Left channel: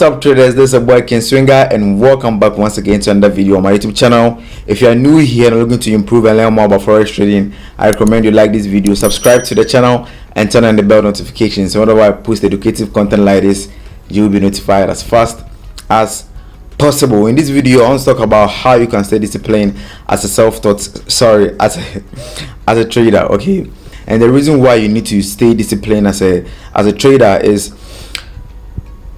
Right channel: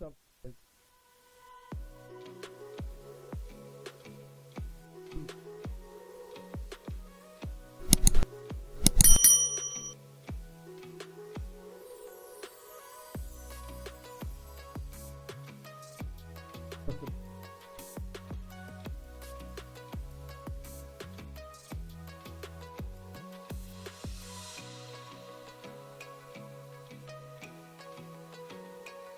What's up, traders? This is a boy Ken Swinger, and welcome back once again to another video on my YouTube channel. If you are new here and looking to improve and learn more about forex trading, I recommend you like this video, subscribe to the channel, and turn on the bell notifications. So whenever I post educative content like this, you will be notified as fast as possible. In this video, I want to talk about how you can stay disciplined as a trader. Okay, and the reason why you need to stay disciplined as a trader is,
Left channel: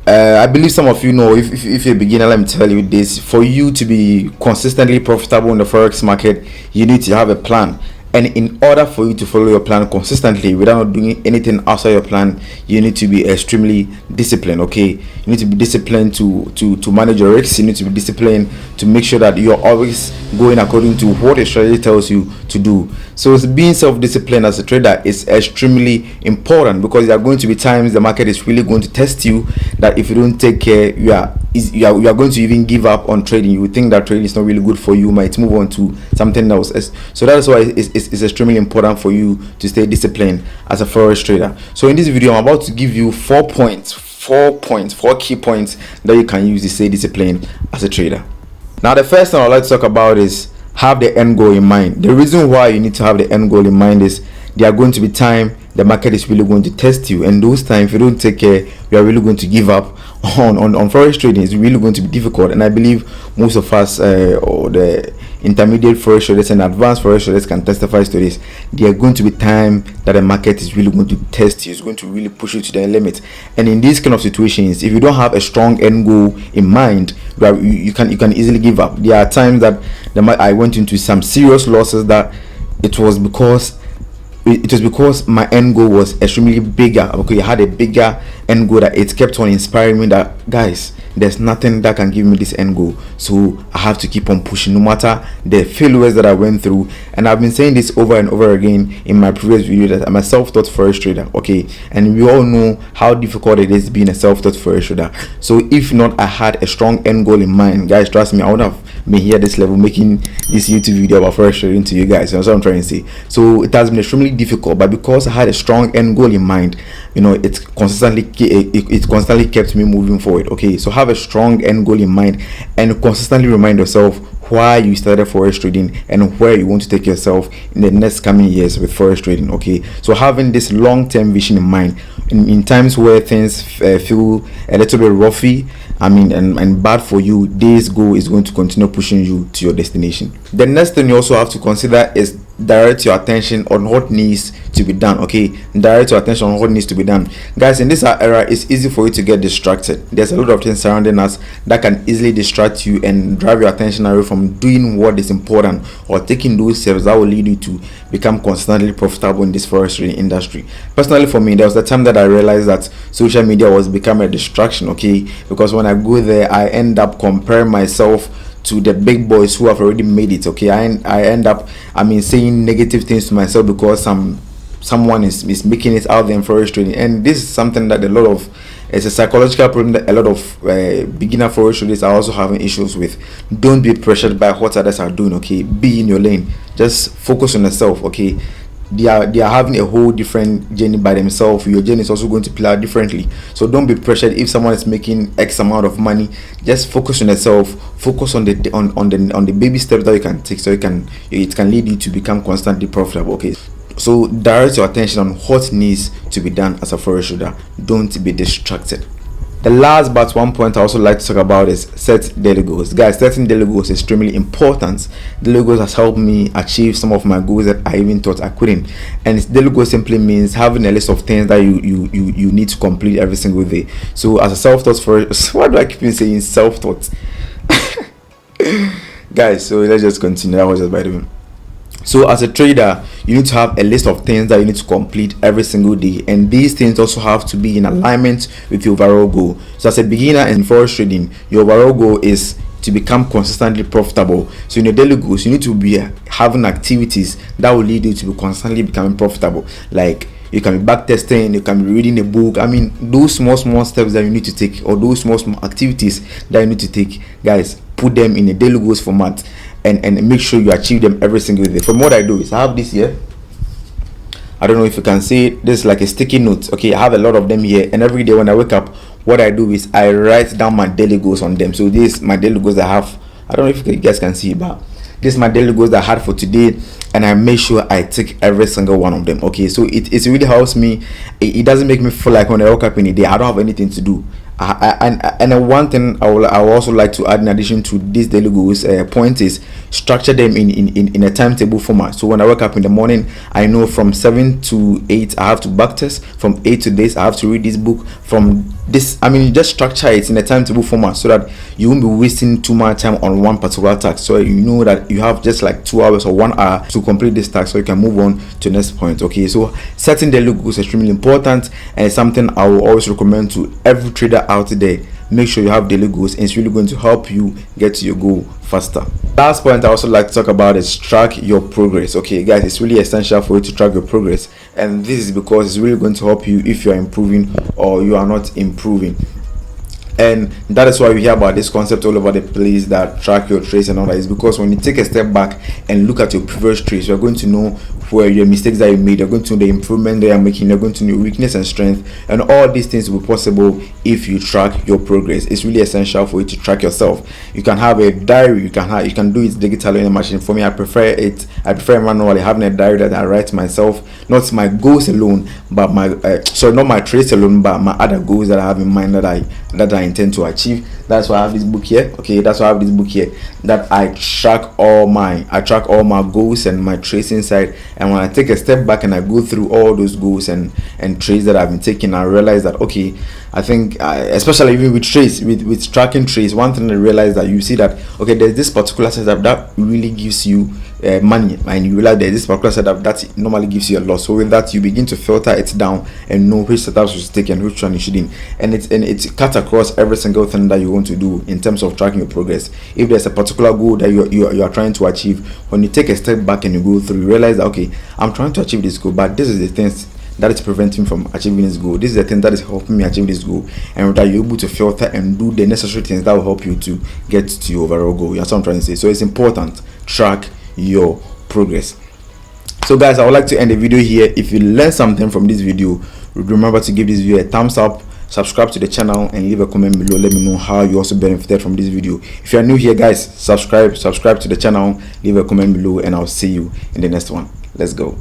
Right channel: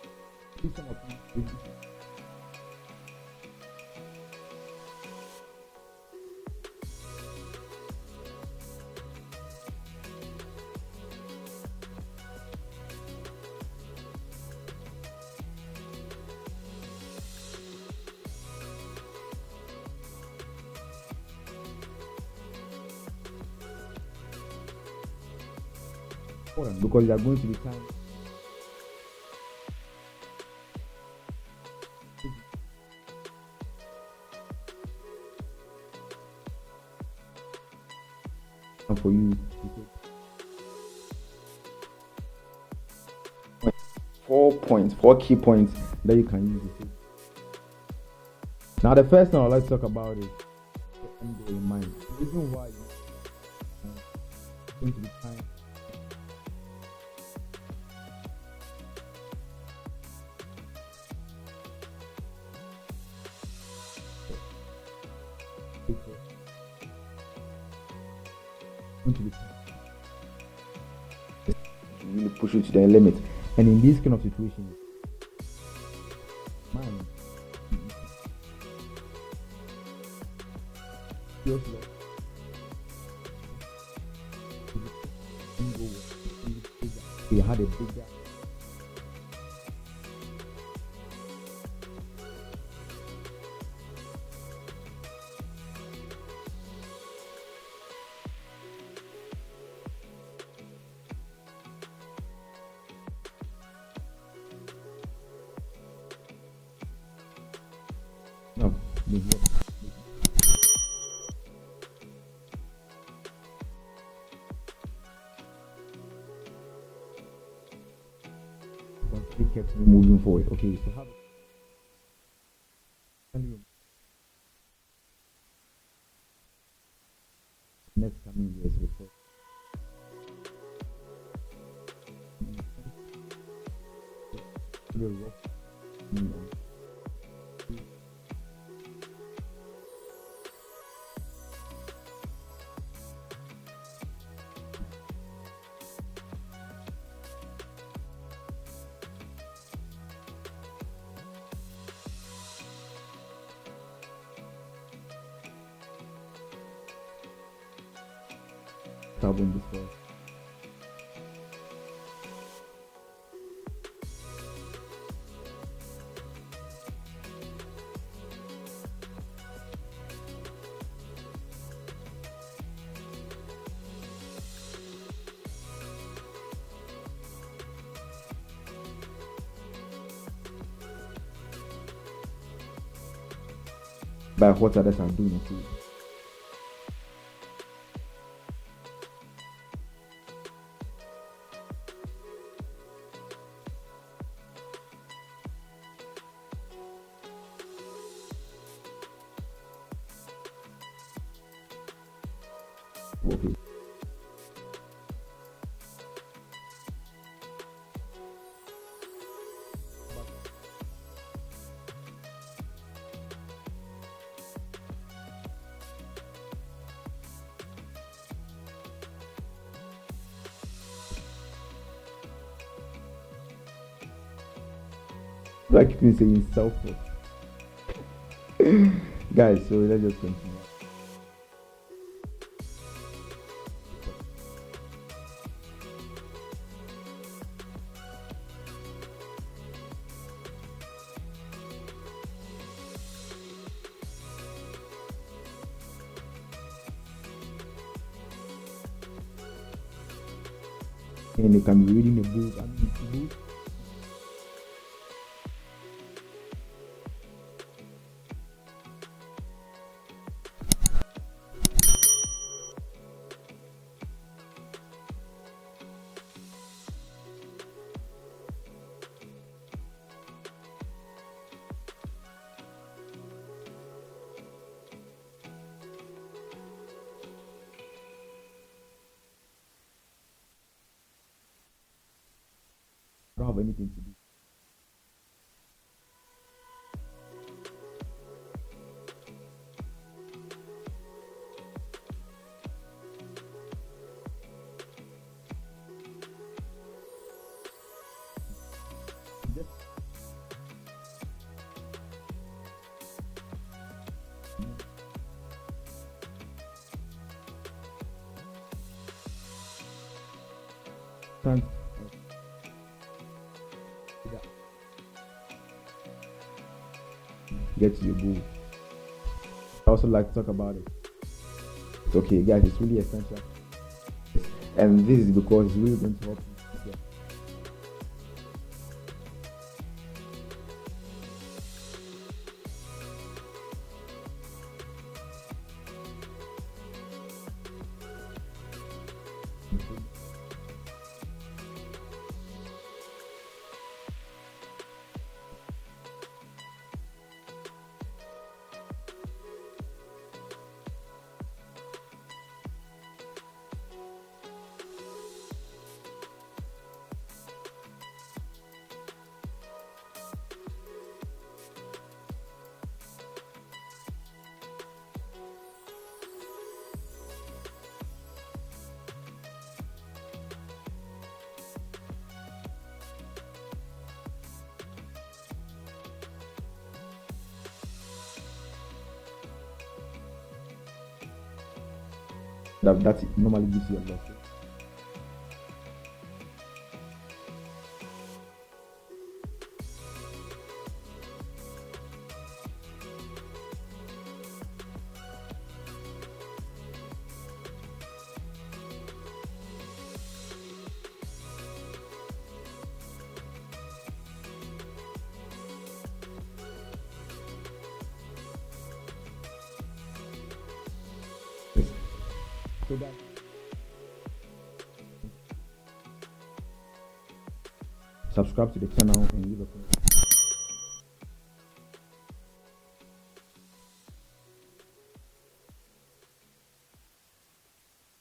I believe some of you know, if you're a beginner, let me tell you this: for you to be consistently profitable in the forex market, you need to have a plan. And in order for you to follow your plan consistently without doing anything outside your plan, you need to be extremely disciplined. Okay, you need to be disciplined to manage your risks. You need to be disciplined to make sure that you're always going according to what your strategy tells you to do. So being self-disciplined as a trader is extremely important, because there are going to be times the market is really going to test you, that if you don't take care, you are going to even give up on trading. You would think that trading is not really good for you, you might move on to something else. So that is why it's extremely important for you to stay disciplined as a forex trader. So in this video, I'm about to give you four key points that you can use to stay disciplined as a trader. Now, the first thing I'd like to talk about is have the end goal in mind. The reason why you need to have the end goal in mind is there are going to be time the market is really going to test you, and those times, if you don't take care, you are really going to give up on forex trading. It's really going to be difficult, and I believe most of us or the intermediate forex traders and advanced forex traders can testify to this. There are going to be time that the market is really going to test you. It's going to really push you to the limit, and in these kind of situations, if you don't have a strong end goal in mind, you can easily give up. There are times that I went into some serious losses that it was because my end goal was extremely bigger. Okay, I had a bigger end goal that it kept on inspiring me that, guys, there's nothing that can give me this end goal, so I have to keep on pushing no matter the failures that I went through. And I've been saying this over and over again in my previous video that I'm a self-taught forex trader. Okay, and we all know how difficult it is being a self-taught forex trader. So if not, I had a strong end goal in mind, guys, trust me, I would have been here at this level making this YouTube video about forex trading to you guys. That's what I'm trying to say. So it has been extremely difficult, but because I had a strong end goal in mind, you know, it constantly kept me moving forward. Okay, so have a strong end goal in mind and constantly remind yourself why you started forex trading and where you want to take yourself in the next coming years with forex trading. Okay, so having this long-term vision in mind in times where things feel a little bit roughy, and bad for you, this goal is going to continue pushing you to your destination. The next thing you also have to consider is direct your attention on what needs to be done. Okay, direct your attention on what needs to be done, guys. In this era, it's easy for you to get distracted. There's a lot of things surrounding us that can easily distract you and drive your attention away from doing what is important or taking those steps that will lead you to become constantly profitable in this forex trading industry. Personally, for me, there was the time that I realized that social media was becoming a distraction. Okay, because when I go there, I end up comparing myself to the big boys who have already made it. Okay, I end up saying negative things to myself because someone is making it out there in forex trading, and this is something that it's a psychological problem that a lot of beginner forex traders are also having issues with. Don't be pressured by what others are doing. Okay, be in your lane, just focus on yourself. Okay, they are having a whole different journey by themselves. Your journey is also going to play out differently, so don't be pressured if someone is making X amount of money. Just focus on yourself, focus on the baby steps that you can take, so it can lead you to become constantly profitable. Okay, so direct your attention on what needs to be done as a forex trader. Don't be distracted. The last but one point I also like to talk about is set daily goals. Guys, setting daily goals is extremely important. Daily goals has helped me achieve some of my goals that I even thought I couldn't. And daily goal simply means having a list of things that you need to complete every single day. So as a self-taught forex, why do I keep saying self-taught? Guys, so let's just continue. That was just by the way. So as a trader, you need to have a list of things that you need to complete every single day, and these things also have to be in alignment with your overall goal. So as a beginner in forex trading, your overall goal is to become consistently profitable. So in your daily goals, you need to be having activities that will lead you to be constantly becoming profitable. Like, you can be back testing, you can be reading a book. Those small steps that you need to take, or those small activities that you need to take, guys, put them in a daily goals format and make sure you achieve them every single day. From what I do is I have this here. I don't know if you can see it. This is like a sticky note. Okay, I have a lot of them here, and every day when I wake up, what I do is I write down my daily goals on them. So this my daily goals I have. I don't know if you guys can see, but this is my daily goals that I had for today, and I make sure I tick every single one of them. Okay, so it really helps me. It doesn't make me feel like when I wake up in the day I don't have anything to do. And one thing I will also like to add in addition to these daily goals point is structure them in a timetable format. So when I wake up in the morning, I know from 7 to 8 I have to backtest, from 8 to this I have to read this book, from this, I mean, just structure it in a timetable format so that you won't be wasting too much time on one particular task. So you know that you have just like 2 hours or 1 hour to complete this task, so you can move on to the next point. Okay, so setting daily goals is extremely important, and it's something I will always recommend to every trader out there. Make sure you have daily goals, and it's really going to help you get to your goal faster. Last point I also like to talk about is track your progress. Okay guys, it's really essential for you to track your progress, and this is because it's really going to help you if you are improving or you are not improving. And that is why we hear about this concept all over the place, that track your trades and all that. Is because when you take a step back and look at your previous trades, you're going to know where your mistakes that you made, you're going to know the improvement that you're making, you're going to know your weakness and strength, and all these things will be possible if you track your progress. It's really essential for you to track yourself. You can have a diary, you can do it digitally in a machine. For me, I prefer manually, having a diary that I write myself, not my goals alone, but my not my trades alone, but my other goals that I have in mind that I intend to achieve. That's why I have this book here. Okay, that's why I have this book here, that I track all my goals and my trades inside. And when I take a step back and I go through all those goals and trades that I've been taking, I realize that okay, I think especially even with trades, with tracking trades, one thing I realize that you see that okay, there's this particular setup that really gives you money, and you realize there's this particular setup that normally gives you a loss. So with that, you begin to filter it down and know which setups you should take and which one you shouldn't. And it's cut across every single thing that you want to do in terms of tracking your progress. If there's a particular goal that you are trying to achieve, when you take a step back and you go through, you realize that okay, I'm trying to achieve this goal, but this is the things that is preventing me from achieving this goal. This is the thing that is helping me achieve this goal, and that you're able to filter and do the necessary things that will help you to get to your overall goal. That's what I'm trying to say. So it's important, track your progress. So guys, I would like to end the video here. If you learned something from this video, remember to give this video a thumbs up, subscribe to the channel, and leave a comment below. Let me know how you also benefited from this video. If you are new here guys, subscribe to the channel, leave a comment below, and I'll see you in the next one. Let's go.